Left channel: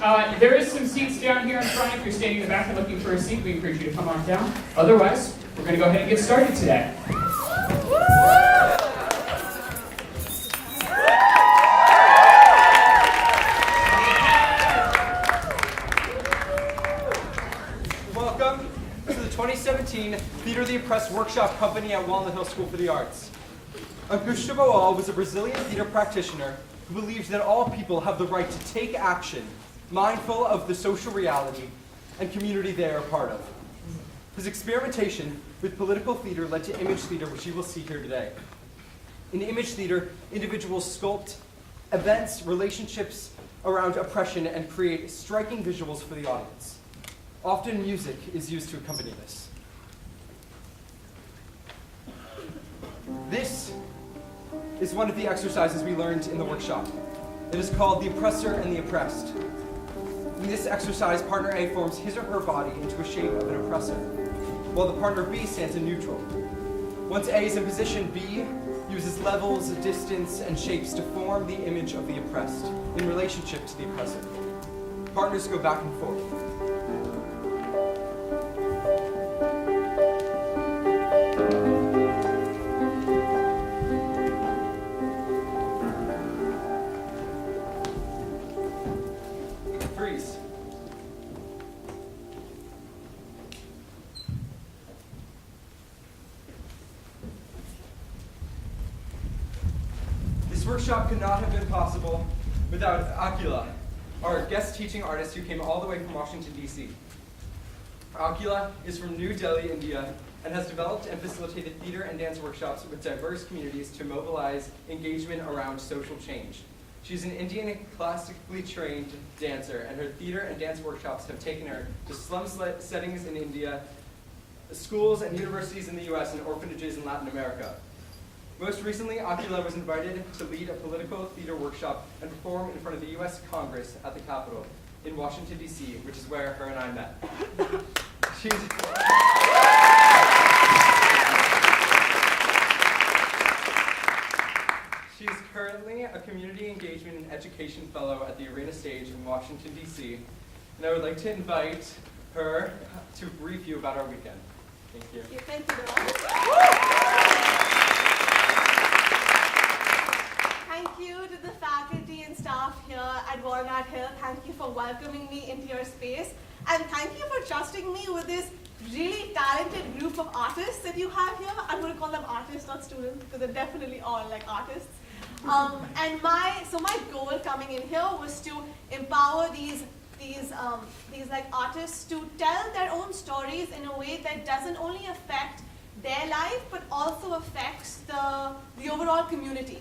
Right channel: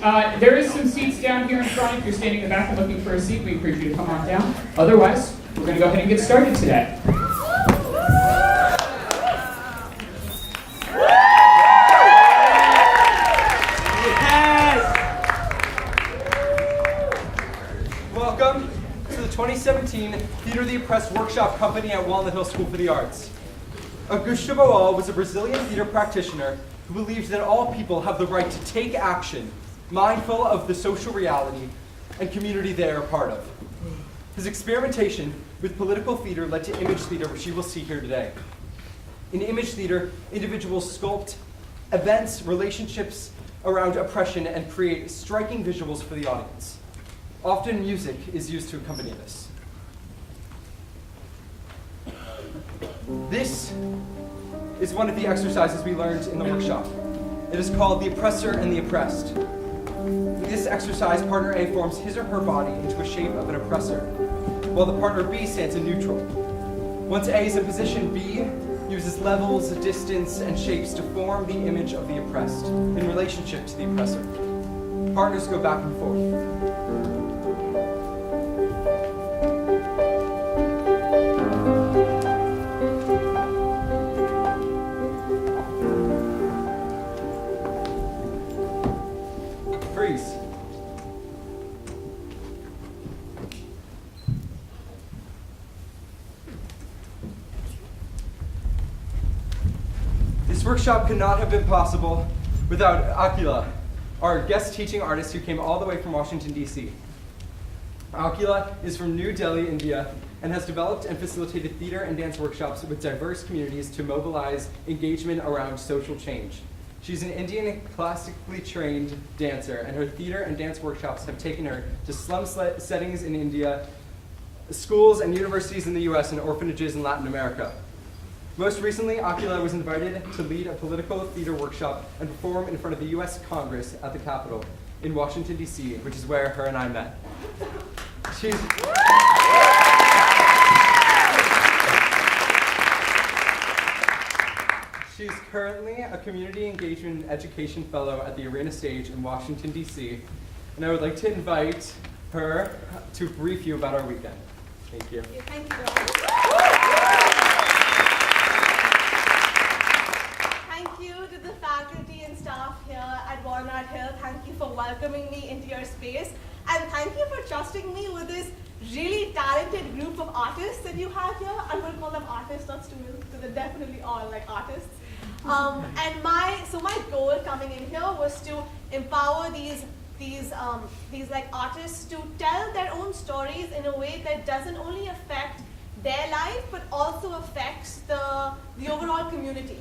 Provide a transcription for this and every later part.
There is some seats down here in front. If you're standing in the back and looking for a seat, we encourage you to come on down. Otherwise, we're going to go ahead and get started today. Welcome to the 2017 Theater of the Oppressed Workshop Company at Walnut Hill School for the Arts. Augusto Boal was a Brazilian theater practitioner who believed that all people have the right to take action, mindful of the social reality and community they are a part of. His experimentation with political theater led to image theater, which you will see here today. In image theater, individuals sculpt events, relationships around oppression, and create striking visuals for the audience. Often music is used to accompany this. This is one of the exercises we learned in the workshop. It is called the oppressor and the oppressed. In this exercise, partner A forms his or her body into a shape of an oppressor, while the partner B stands in neutral. Once A is in position, B uses levels, distance, and shapes to form the image of the oppressed in relationship to the oppressor. Partners go back and forth. This workshop could not have been possible without Akila, our guest teaching artist who came all the way from Washington, D.C. Akila is from New Delhi, India, and has developed and facilitated theater and dance workshops with diverse communities to mobilize engagement around social change. She's an Indian classically trained dancer, and her theater and dance workshops have taken her to slum settings in India, schools and universities in the US, and orphanages in Latin America. Most recently, Akila was invited to lead a political theater workshop and perform in front of the US Congress at the Capitol in Washington, D.C., which is where her and I met. She's currently a community engagement and education fellow at the Arena Stage in Washington, D.C., and I would like to invite her to brief you about our weekend. Thank you. Thank you, Rob. At Walnut Hill, thank you for welcoming me into your space, and thank you for trusting me with this really talented group of artists that you have here. I'm going to call them artists, not students, because they're definitely all like artists. And my goal coming in here was to empower these like artists to tell their own stories in a way that doesn't only affect their life but also affects the overall community.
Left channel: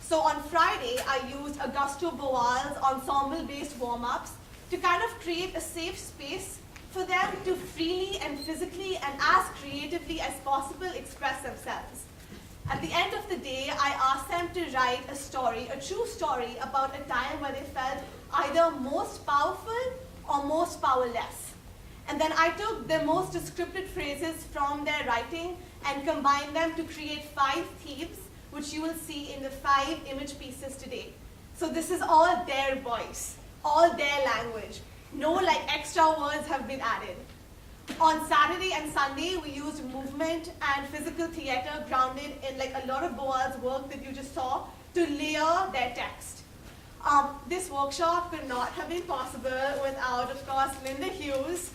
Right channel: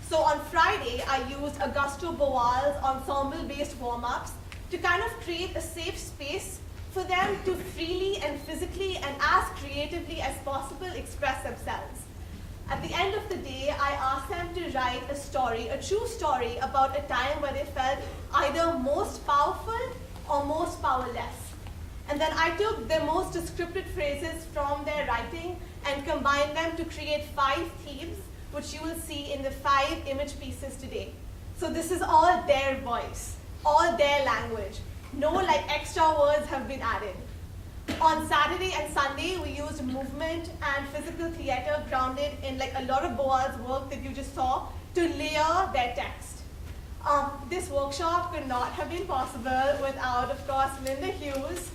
So on Friday, I used Augusto Boal's ensemble-based warm-ups to kind of create a safe space for them to freely and physically and as creatively as possible express themselves. At the end of the day, I asked them to write a story, a true story about a time where they felt either most powerful or most powerless. And then I took the most descriptive phrases from their writing and combined them to create 5 themes, which you will see in the 5 image pieces today. So this is all their voice, all their language. No like extra words have been added. On Saturday and Sunday, we used movement and physical theater grounded in like a lot of Boal's work that you just saw to layer their text. This workshop could not have been possible without, of course, Linda Hughes.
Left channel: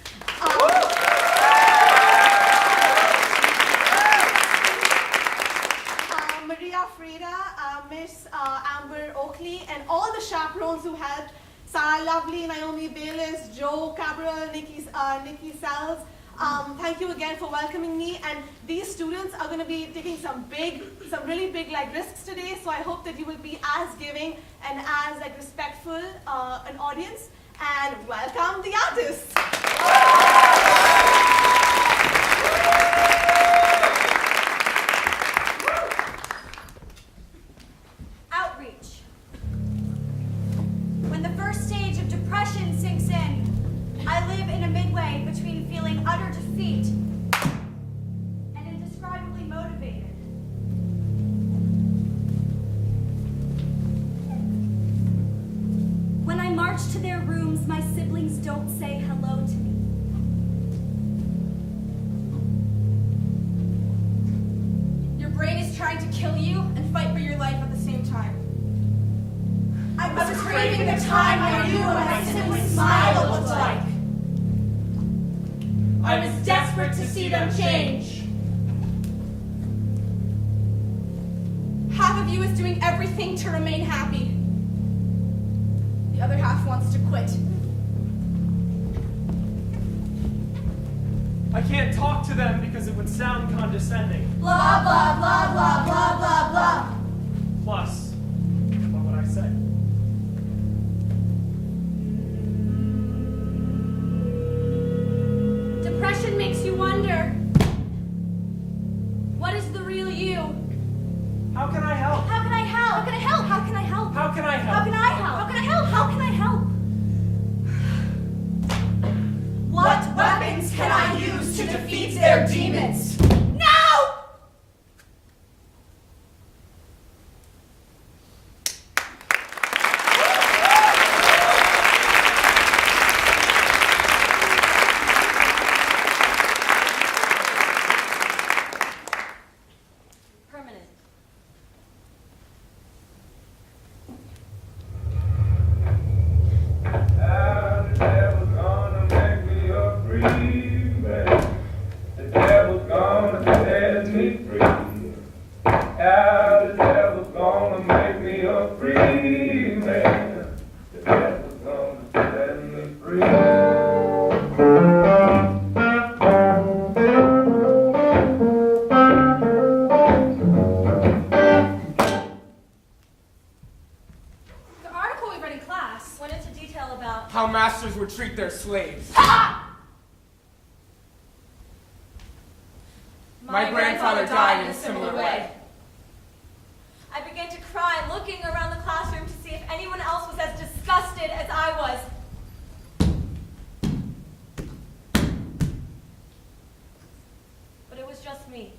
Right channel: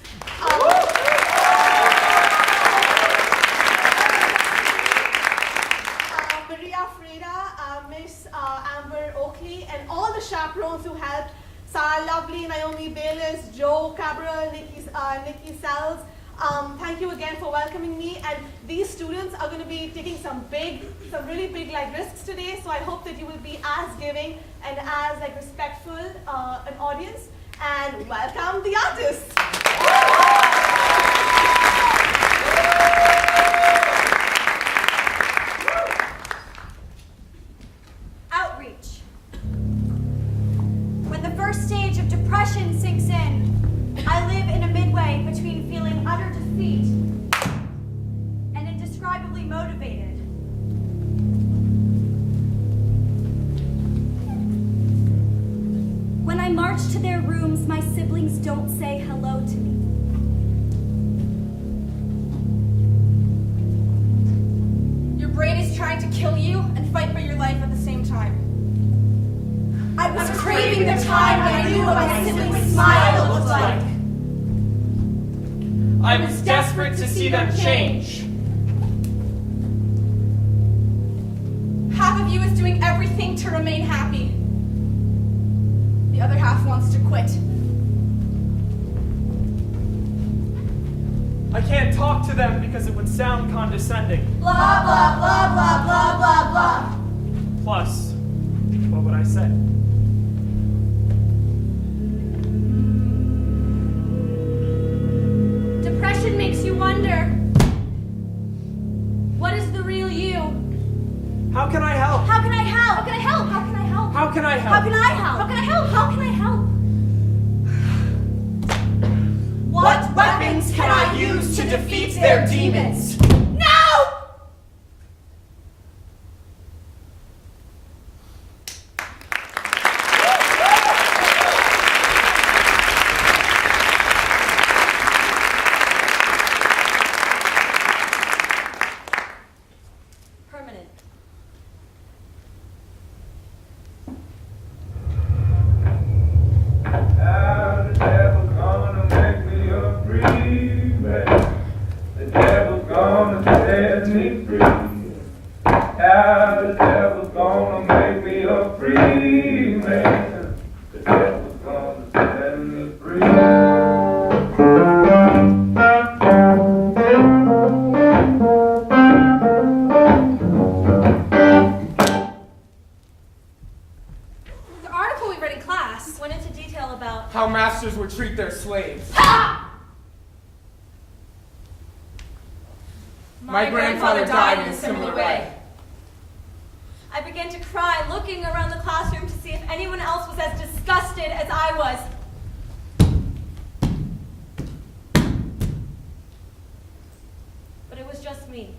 Maria Freda, Miss Amber Oakley, and all the chaperones who helped, Sarah Lovely, Naomi Bayless, Joe Cabral, Nikki Sells. Thank you again for welcoming me. And these students are going to be taking some really big like risks today. So I hope that you will be as giving and as like respectful an audience. And welcome the artists. Outreach. When the first stage of depression sinks in, I live in a midway between feeling utter defeat and indescribably motivated. When I march to their rooms, my siblings don't say hello to me. Your brain is trying to kill you and fight for your life at the same time. I was craving the time when I knew what my siblings' smile looked like. I was desperate to see them change. Half of you is doing everything to remain happy. The other half wants to quit. I can't talk to them because it would sound condescending. Blah, blah, blah, blah, blah, blah, blah. Plus, what would I say? Depression makes you wonder, what is the real you? How can I help? How can I help? How can I help? How can I help? How can I help? How can I help? How can I help? How can I help? What weapons can I use to defeat their demons? No! Permanent. How the devil's gonna make me a free man. The devil's gonna set me free. How the devil's gonna make me a free man. The devil's gonna set me free. The article we read in class. Went into detail about How masters would treat their slaves. My grandfather died in a similar way. I began to cry, looking around the classroom to see if anyone else was as disgusted as I was. But it was just me.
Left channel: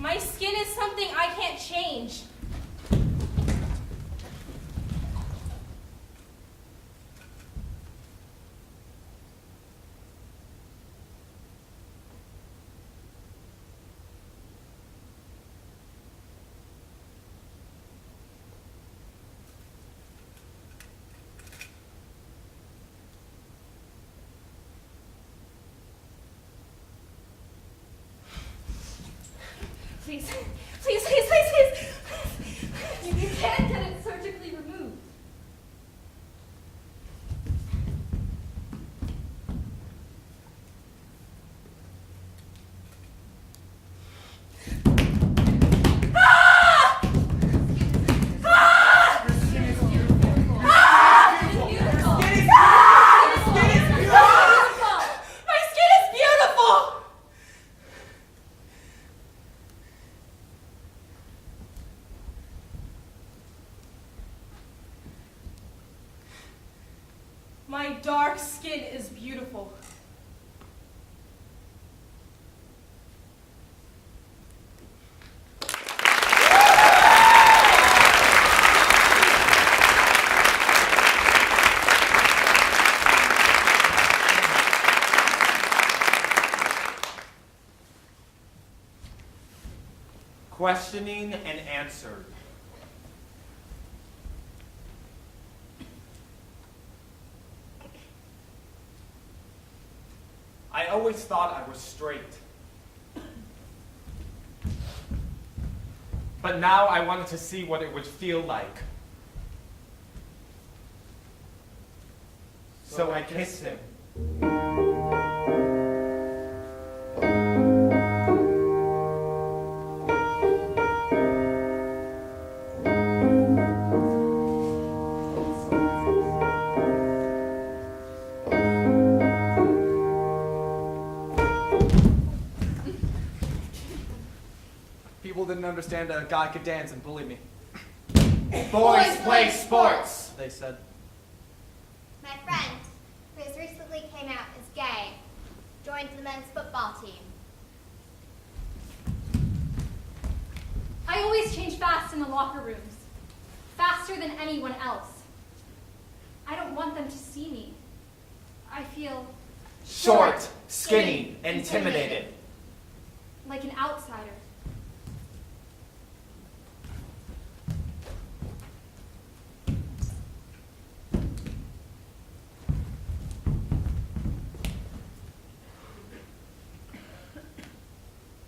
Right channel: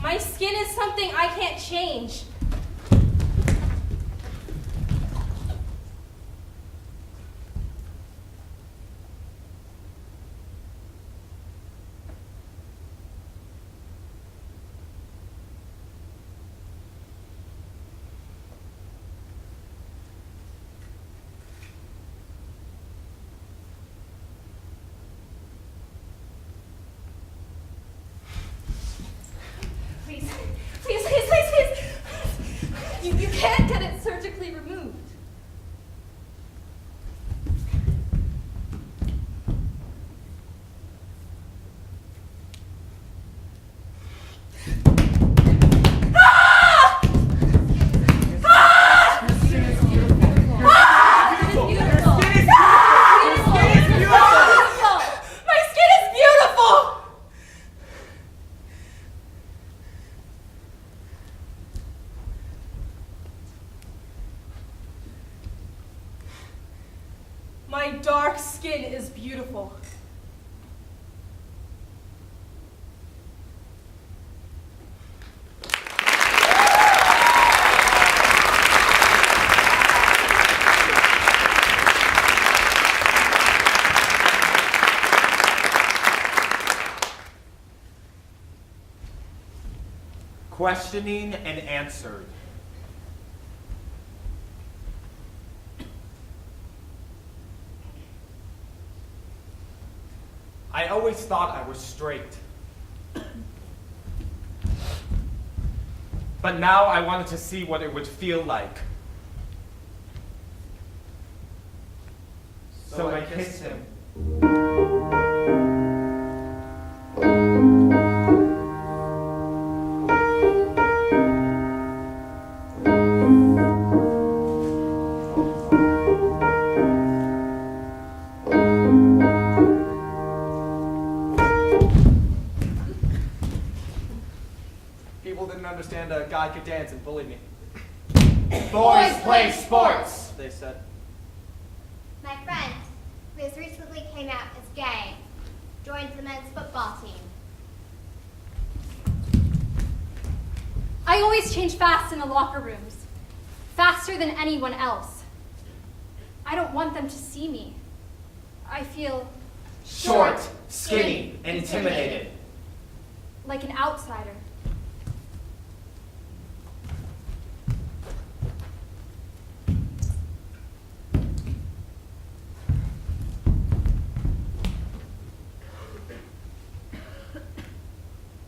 My skin is something I can't change. Please, please, please, please, please. You can't get it surgically removed. My dark skin is beautiful. Questioning and answered. I always thought I was straight. But now I wanted to see what it would feel like. So I kissed him. understand a guy could dance and bullied me. Boys play sports, they said. My friend, who has recently came out as gay, joined the men's football team. I always change fast in the locker rooms, faster than anyone else. I don't want them to see me. I feel short, skinny, intimidated. like an outsider.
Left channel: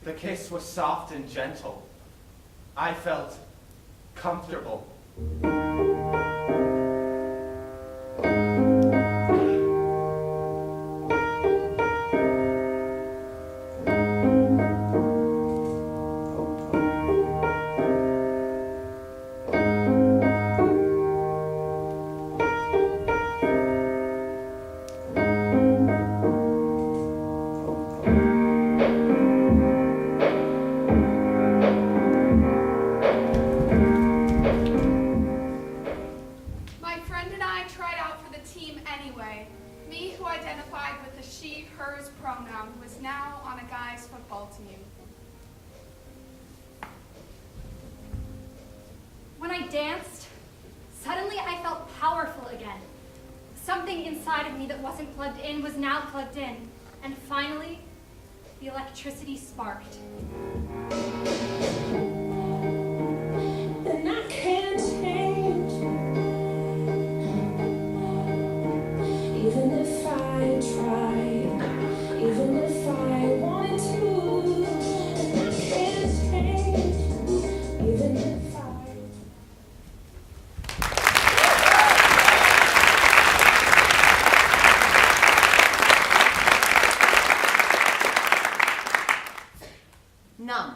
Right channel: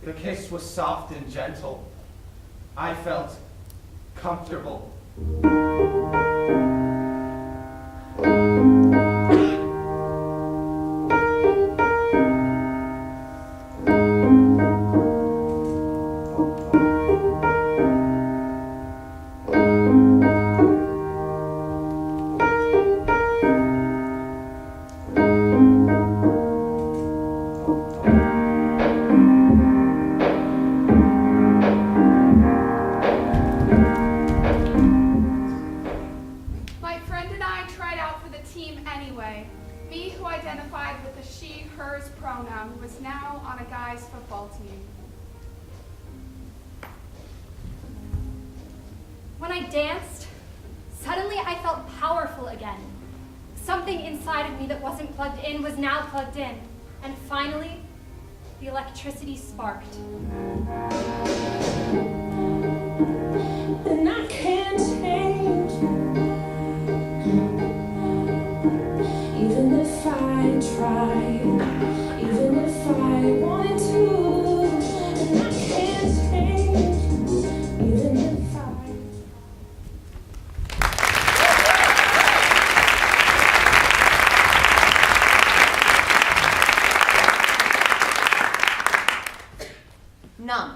The kiss was soft and gentle. I felt comfortable. My friend and I tried out for the team anyway. Me, who identified with the she, hers pronoun, was now on a guy's football team. When I danced, suddenly I felt powerful again. Something inside of me that wasn't plugged in was now plugged in. And finally, the electricity sparked. And I can't change, even if I tried, even if I wanted to. And I can't change, even if I. Numb.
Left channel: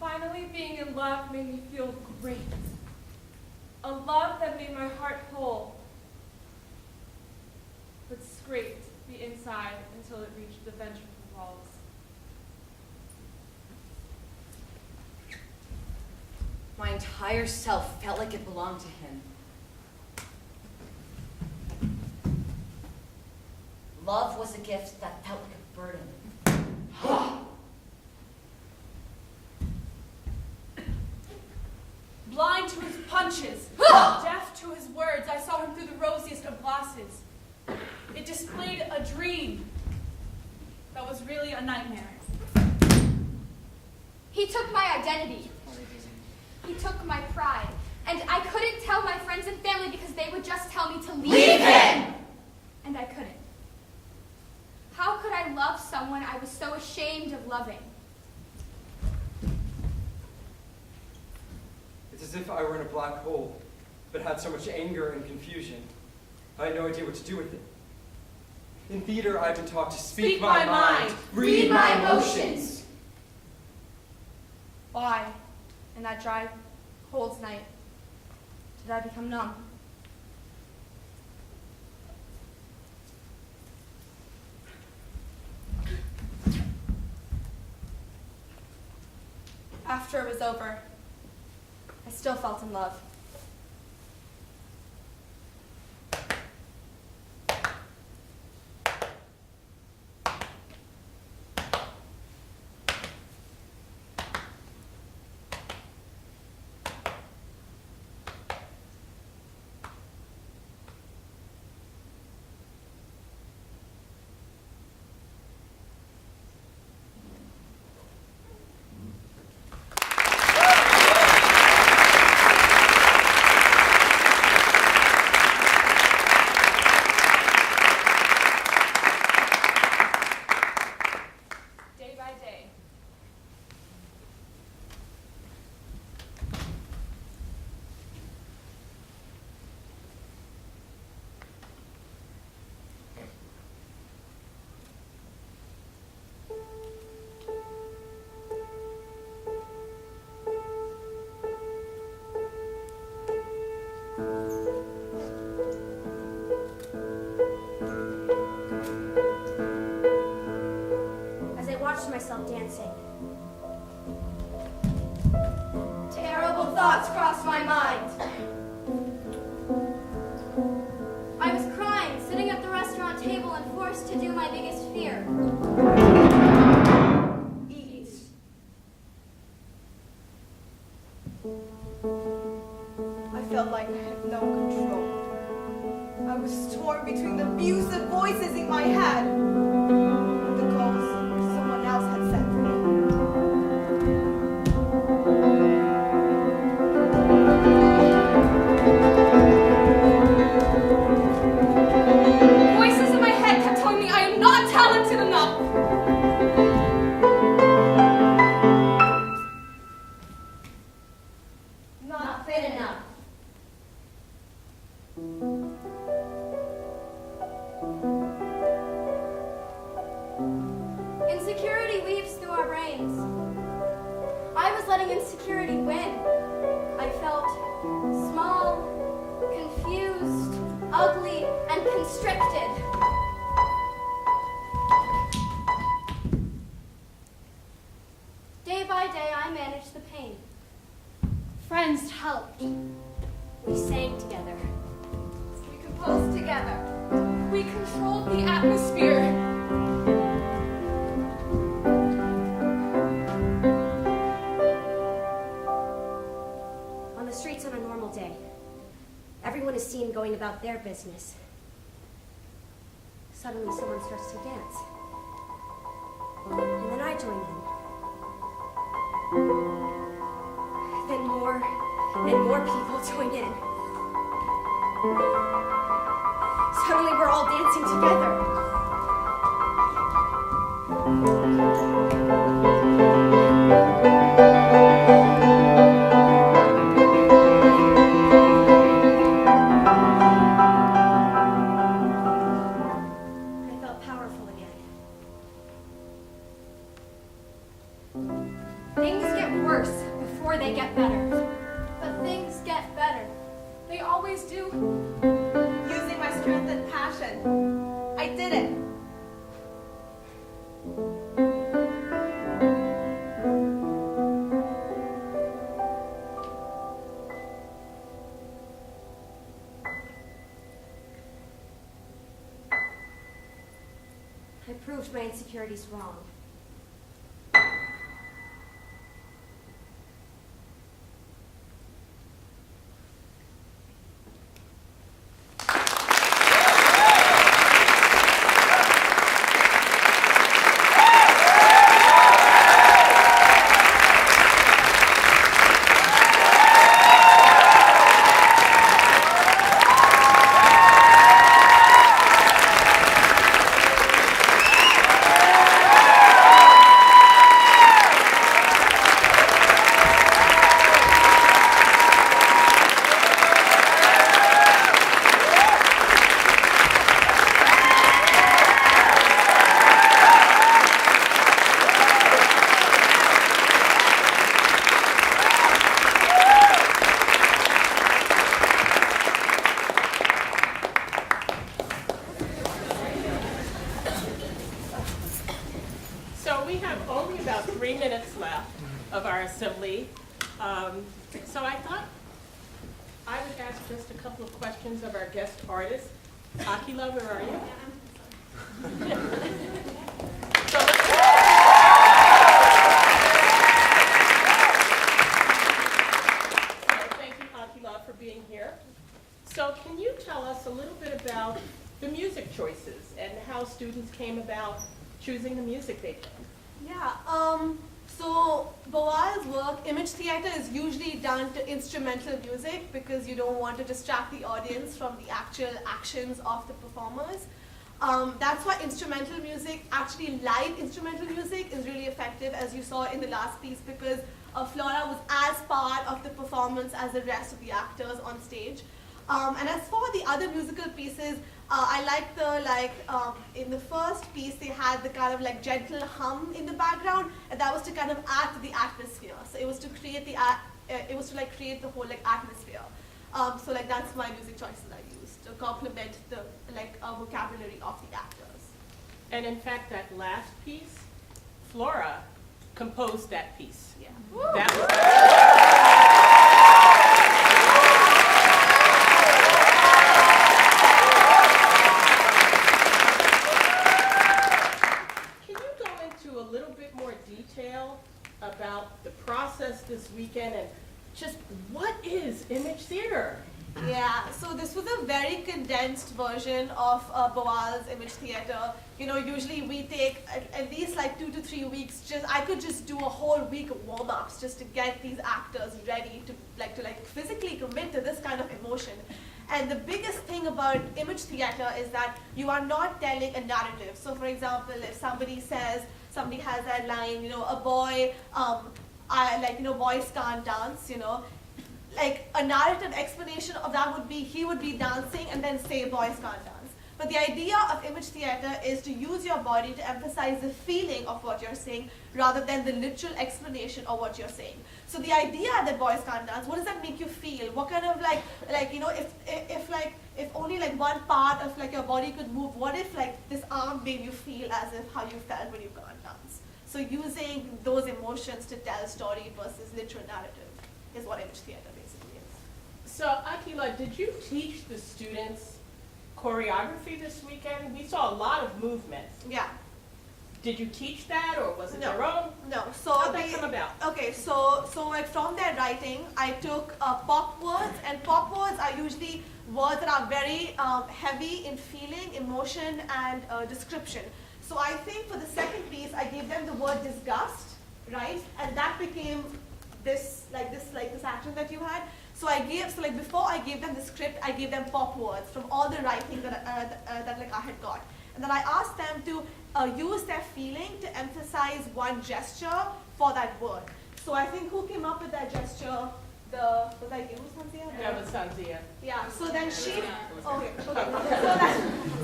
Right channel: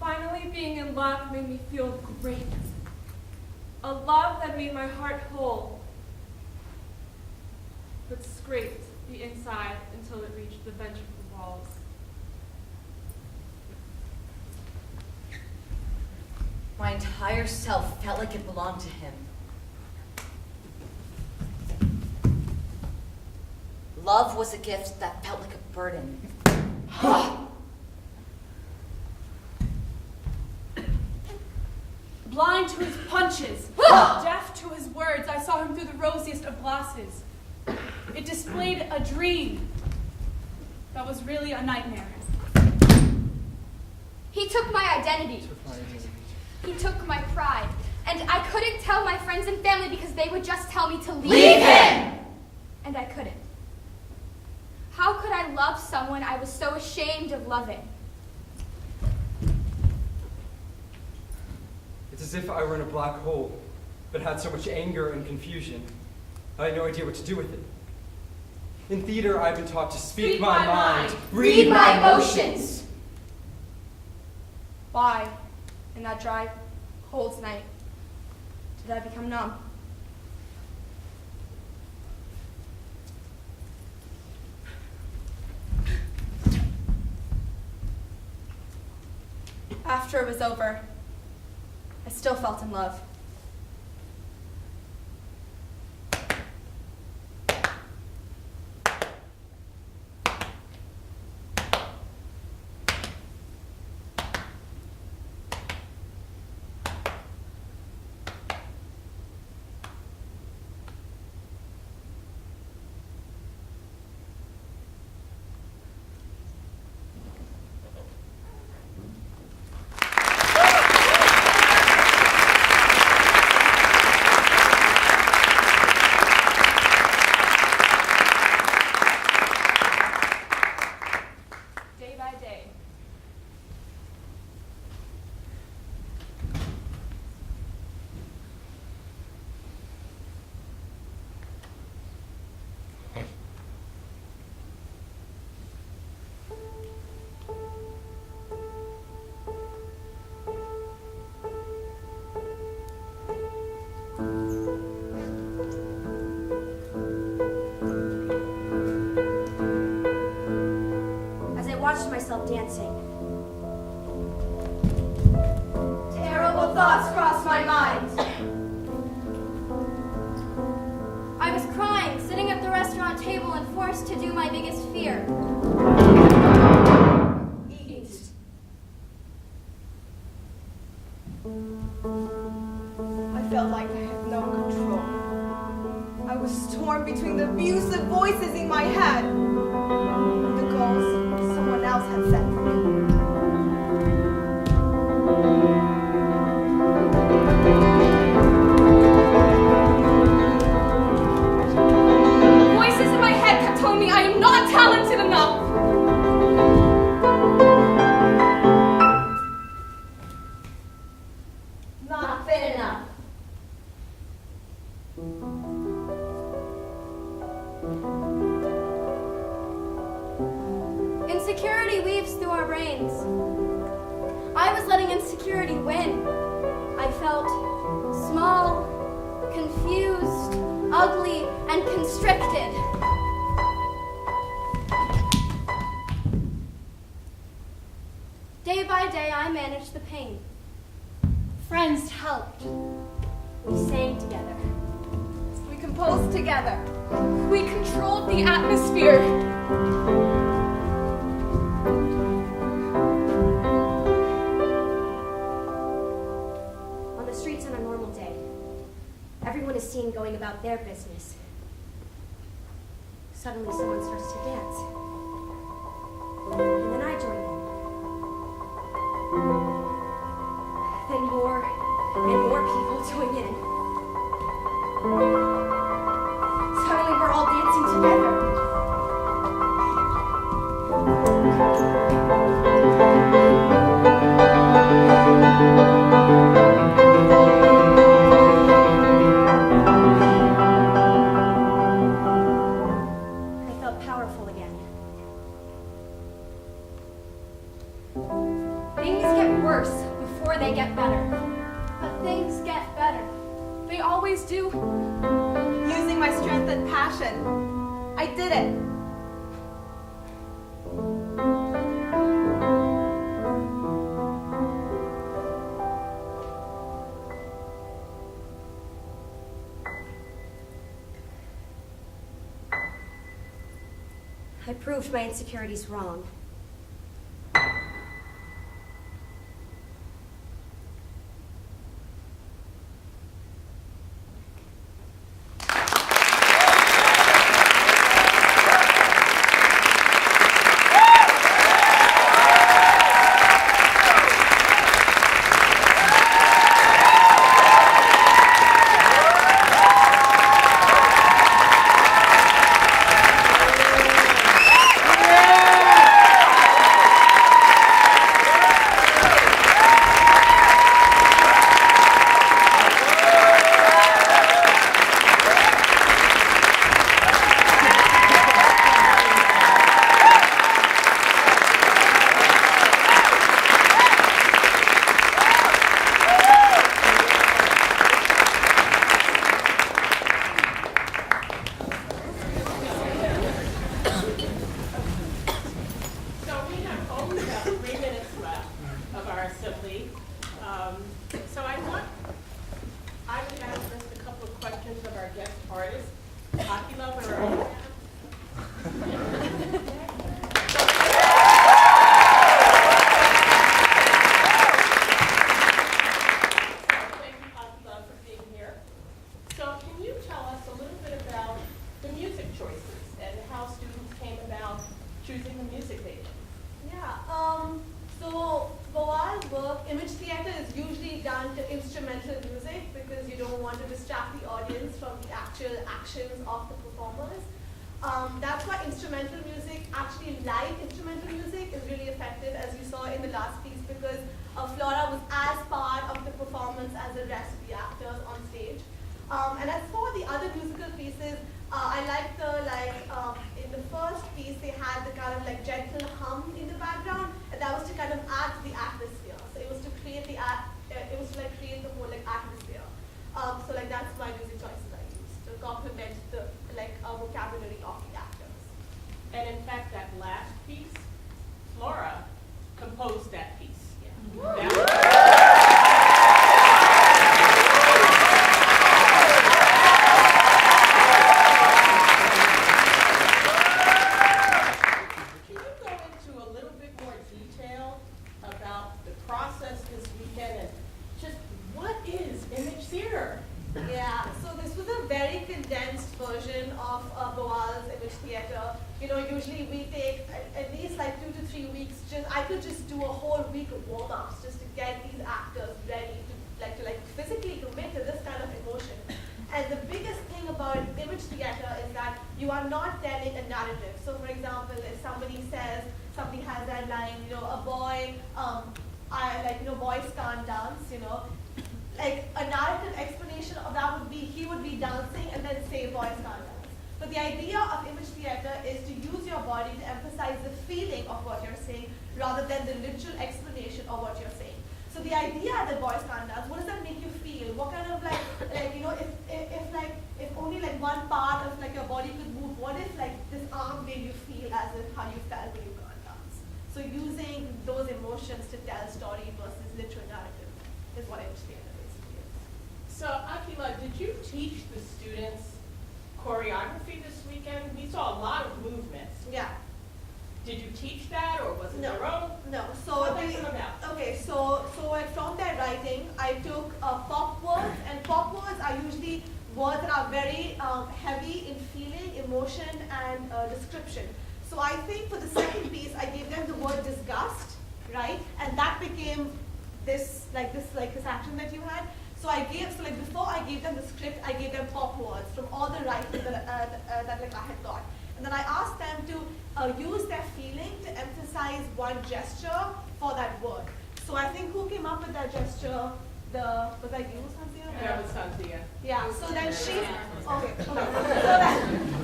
Finally being in love made me feel great. A love that made my heart whole, but scraped the inside until it reached the ventricle walls. My entire self felt like it belonged to him. Love was a gift that felt like a burden. Blind to his punches, deaf to his words, I saw him through the rosiest of glasses. It displayed a dream that was really a nightmare. He took my identity. He took my pride. And I couldn't tell my friends and family because they would just tell me to leave him! And I couldn't. How could I love someone I was so ashamed of loving? It's as if I were in a black hole, but had so much anger and confusion. I had no idea what to do with it. In theater, I've been taught to speak my mind, read my emotions. Why, in that dry, cold night, did I become numb? After it was over, I still felt in love. dancing. Terrible thoughts crossed my mind. I was crying, sitting at the restaurant table and forced to do my biggest fear. Eat. I felt like I had no control. I was torn between the abusive voices in my head and the goals someone else had set for me. Voices in my head kept telling me I am not talented enough. Not fit enough. Insecurity weaves through our brains. I was letting insecurity win. I felt small, confused, ugly, and constricted. Day by day, I managed the pain. Friends helped. We sang together. We composed together. We controlled the atmosphere. On the streets on a normal day, everyone is seen going about their business. Suddenly someone starts to dance. And then I join in. Then more people join in. Suddenly we're all dancing together. I felt powerful again. Things get worse before they get better. But things get better. They always do. Using my strength and passion, I did it. I proved my insecurities wrong. So we have only about 3 minutes left of our assembly. So I thought I would ask just a couple of questions of our guest artist. Akila, where are you? Thank you, Akila, for being here. So can you tell us a little bit about the music choices and how students came about choosing the music they did? Yeah, so Bawal's work, image theater, is usually done to instrumental music because you don't want to distract the audience from the actual actions of the performers. That's why instrumental music, actually live instrumental music, is really effective, as you saw in the last piece, because Flora was as part of the performance as the rest of the actors on stage. And as for the other musical pieces, I like in the first piece they had the kind of like gentle hum in the background, and that was to kind of add to the atmosphere. So it was to create create the whole like atmosphere. So like that's my music choices I used to complement the vocabulary of the actors. And in fact, that last piece, Flora composed that piece. Yeah. Can you go into a little bit more detail about the process this weekend and just what is image theater? Yeah, so this was a very condensed version of Boal's image theater. You know, usually we take at least like 2 to 3 weeks. I could just do a whole week of warm-ups just to get these actors ready to physically commit to this kind of emotion. And the biggest thing about image theater is that you are not telling a narrative. So for example, if somebody has that line, you know, a boy, boys can't dance, you know. Like a narrative explanation of that would be he would be dancing and then say boys can't dance. But the idea of image theater is to use your body to emphasize the feeling of what you're saying rather than the literal explanation of what you're saying. So the idea that boys can't dance, what does that make you feel? What kind of if only like one part of like your body could move, what if like this arm made you feel as if how you felt when you can't dance? So using those emotions to tell a story versus literal narrative is what image theater basically is. So Akila, did you teach the students choreography this weekend? We saw a lot of movements. Yeah. Did you teach that, or was it No. their own? No. So How did that come about? Okay, so like from their writing, I took pop words, and pop words are usually words that are very heavy in feeling, emotion, and description. So I think for the second piece, I gave them the word disgust, right? And that became this action that you had. So before I gave them the script, I gave them pop words from all the writing that I had got. And then I asked them to use their feeling to emphasize one gesture for that word. So I think who came up with that gesture? Was I you, Sanzia? Yeah, it was Sanzia. Yeah, so then she,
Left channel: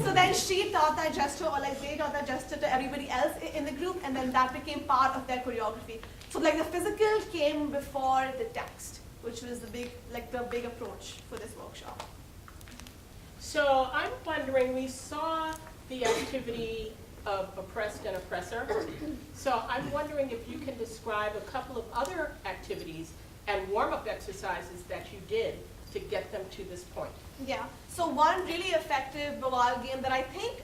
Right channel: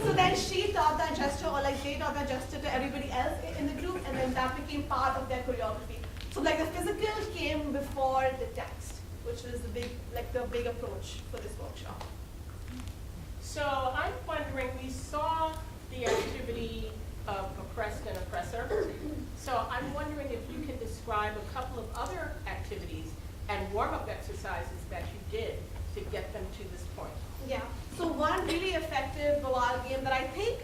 so then she taught that gesture, or like they taught that gesture to everybody else in the group, and then that became part of their choreography. So like the physical came before the text, which was the big approach for this workshop. So I'm wondering, we saw the activity of oppressed and oppressor. So I'm wondering if you can describe a couple of other activities and warm-up exercises that you did to get them to this point. Yeah, so one really effective Boal game that I think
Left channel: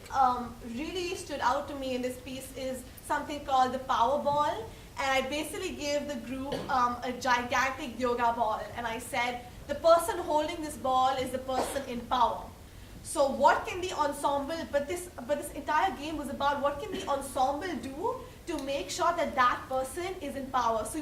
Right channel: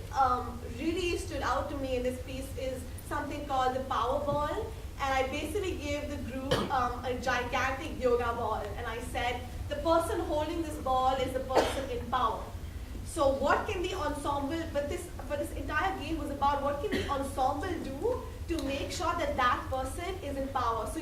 really stood out to me in this piece is something called the power ball. And I basically gave the group a gigantic yoga ball, and I said, the person holding this ball is the person in power. So what can the ensemble, but this entire game was about what can the ensemble do to make sure that that person is in power. So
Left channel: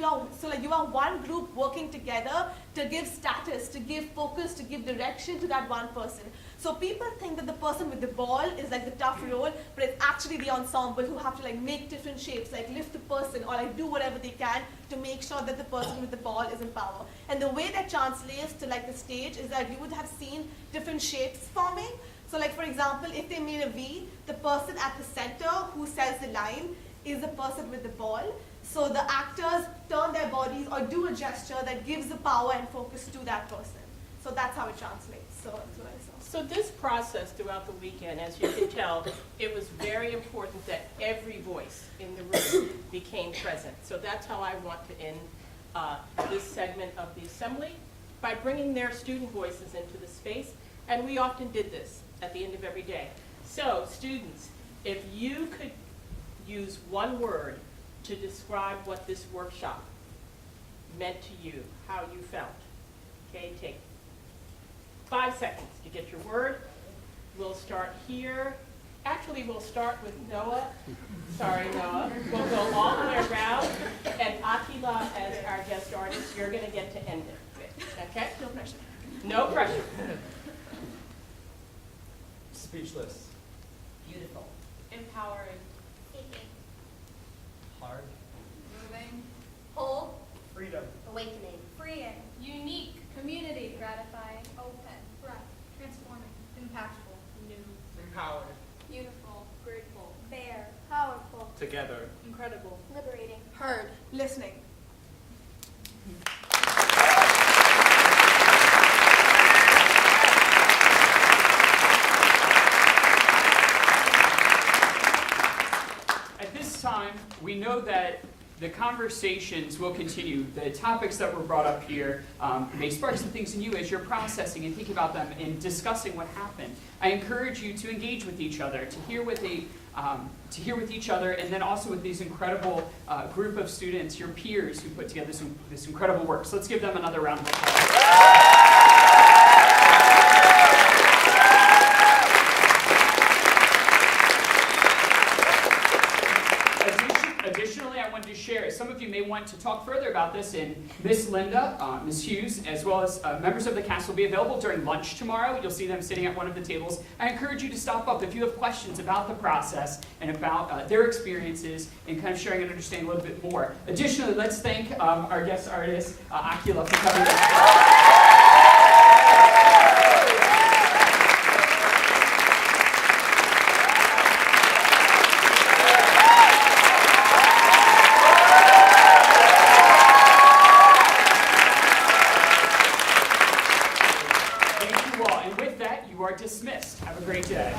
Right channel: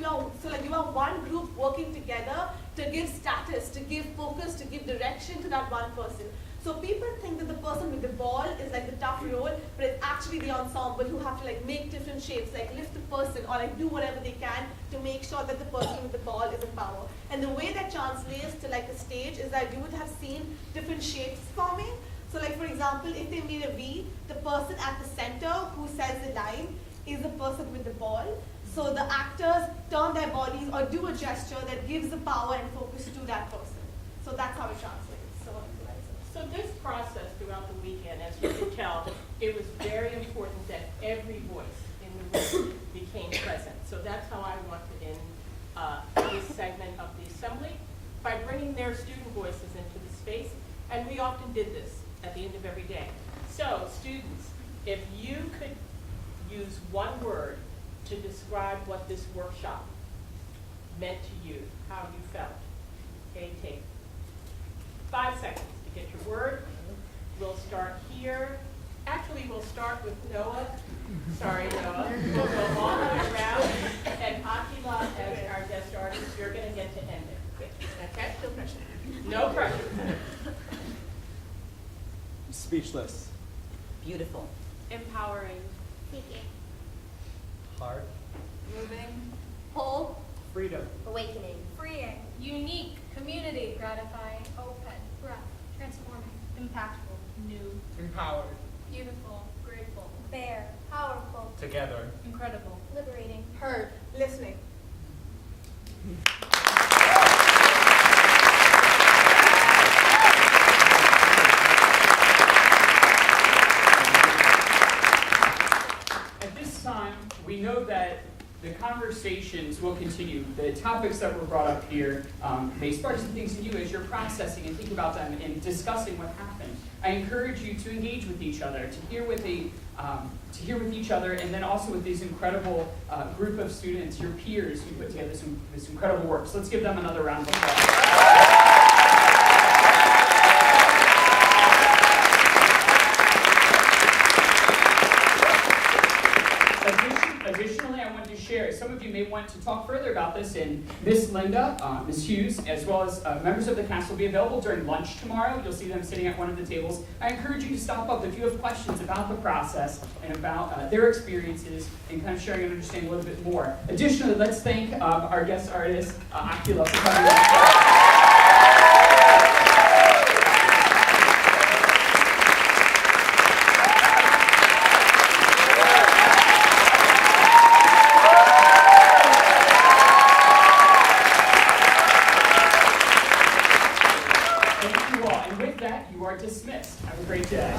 you are one group working together to give status, to give focus, to give direction to that one person. So people think that the person with the ball is like the tough role, but it's actually the ensemble who have to like make different shapes, like lift the person or like do whatever they can to make sure that the person with the ball is in power. And the way that translates to like the stage is that you would have seen different shapes forming. So like for example, if they made a V, the person at the center who says the line is the person with the ball. So the actors turn their bodies or do a gesture that gives the power and focus to that person. So that's how it translates. So this process throughout the weekend, as you can tell, it was very important that every voice in the room became present. So that's how I want to end this segment of the assembly, by bringing their student voices into the space. And we often did this at the end of every day. So students, if you could use one word to describe what this workshop meant to you, how you felt. Okay, take 5 seconds to get your word. We'll start here. Actually, we'll start with Noah. Sorry, Noah. We'll go all the way around. And Akila, as our guest artist, you're going to get to end it. Okay? No pressure. No pressure. Speechless. Beautiful. Empowering. Seeking. Heart. Moving. Whole. Freedom. Awakening. Freeing. Unique. Community. Gratifying. Open. Rough. Transforming. Impactful. New. Empowered. Beautiful. Grateful. Fair. Powerful. Together. Incredible. Liberating. Heard, listening. At this time, we know that the conversation conversations will continue. The topics that were brought up here may spark some things in you as you're processing and thinking about them and discussing what happened. I encourage you to engage with each other, to hear with each other, and then also with these incredible group of students, your peers who put together this incredible work. So let's give them another round of applause. Additionally, I wanted to share, some of you may want to talk further about this, and Miss Linda, Miss Hughes, as well as members of the cast will be available during lunch tomorrow. You'll see them sitting at one of the tables. I encourage you to stop up if you have questions about the process and about their experiences and kind of sharing and understanding a little bit more. Additionally, let's thank our guest artist, Akila, for coming in. Dismissed. Have a great day.